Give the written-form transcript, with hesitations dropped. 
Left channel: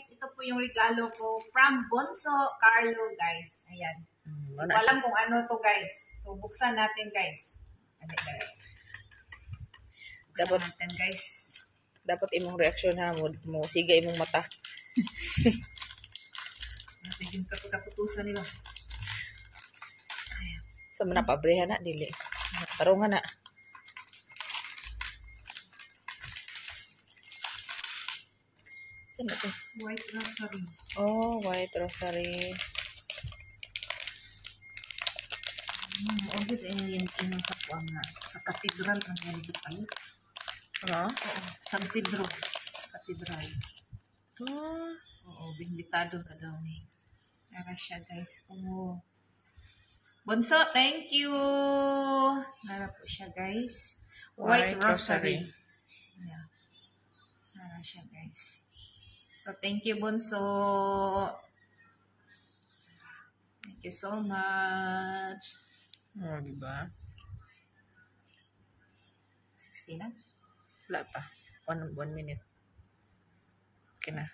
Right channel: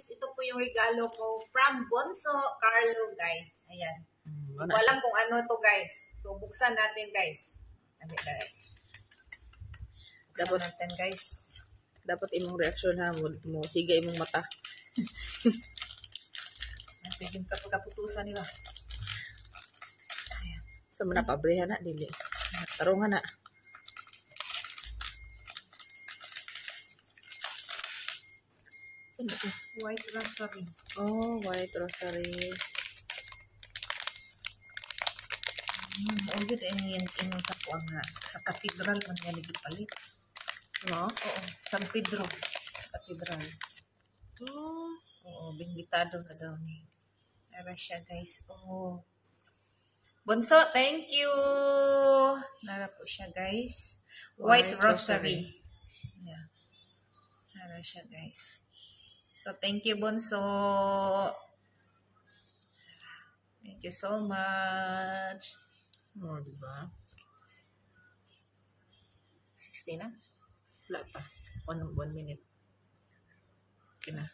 guys, ito po yung regalo ko from Bonso Carlo, guys. Ayan. Hindi ko alam kung ano to, guys. So, buksan natin, guys. Dapat natin, guys. Dapat imong reaksyon ha mo siga imong mata. Natin yung kaputusan nila. Sa mana pabreha na dili. Tarungan na. Saan ito? White rosary. Oh, white rosary. Ay, good. Ayun sa kuwan nga. Sa katedral kan nga palit. Ano? Oo. San Pedro. Katedral. Oo, binditado na daw ni. Nara siya, guys. Oo. Bonso, thank you. Nara po siya, guys. White rosary. Yeah. Nara siya, guys. So, thank you, Bonso. Thank you so much. Oh, diba? 60 na? Wala pa. 1 minute. Okay na.